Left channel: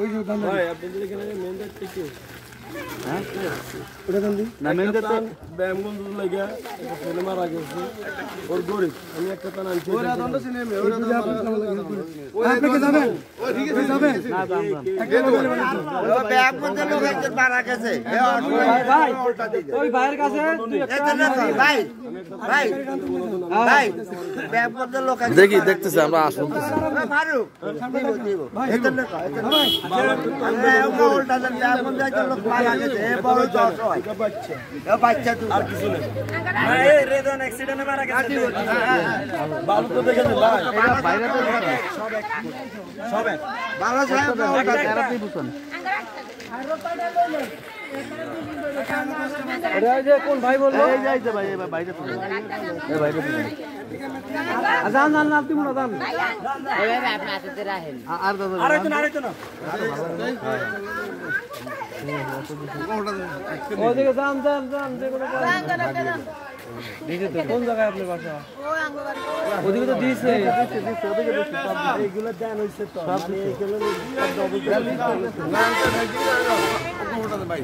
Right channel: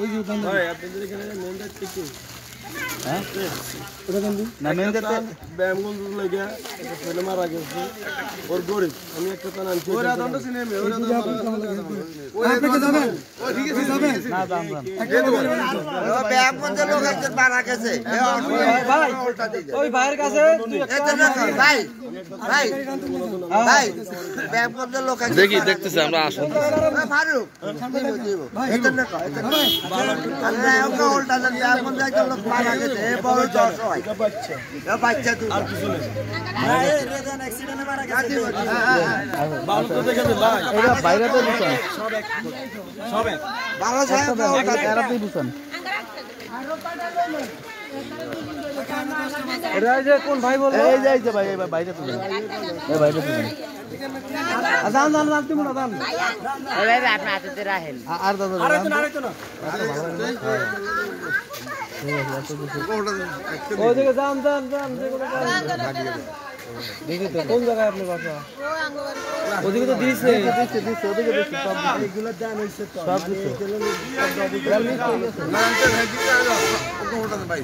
ওই যে দাম ভাই আপনাদের এখানে মেনটা কিছু হ্যাঁ ওটা দাম দিন না মেনটা ব্যায়ামগঞ্জ লাগা এটা ছেলে মারা গেছে ওর গরিব আমি একটা তান আনছি ওরা দামটা শুনে নে ওরা দাম আপনাকে যাবেন ঠিক আছে যাবেন না দাম একটা লোক ও ব্যায়ামগঞ্জের লোক একজন মারা গেছে ভাই ওই ভাইয়ের কাছে ভাই ভাই ভাই ব্যায়ামগঞ্জের লোক দেখি দেখতেছি আমরা আসুন ফারুক ভাই একজন লোক ভাই আমরা উল্টা দেন ব্যায়ামগঞ্জের লোক মারা গেছে এ বড় জয় এটা বাচ্চা তুই আর কিছু নেই না এই রেজন অ্যাক্সিডেন্টে মারা গেছে বালু তো দেখেন ভাই এটা বাইরে তো সব এক বাবা সাহেব একটা দিছেন আরে এই যে কোন ভাই বললো এই যে ভাই এই বাইরে তো এই বাইরে তো আজান জান না তুমি না জান এই ভাই আপনি হাতে রাখেন আরেকজন না ওদিকে যান দেখি তো কোন জায়গায় আপনার বাসা ওদিকে তো দিছে ওদিকে দিছে এইগুলো দান হইছে তো মানে এই যে ভাই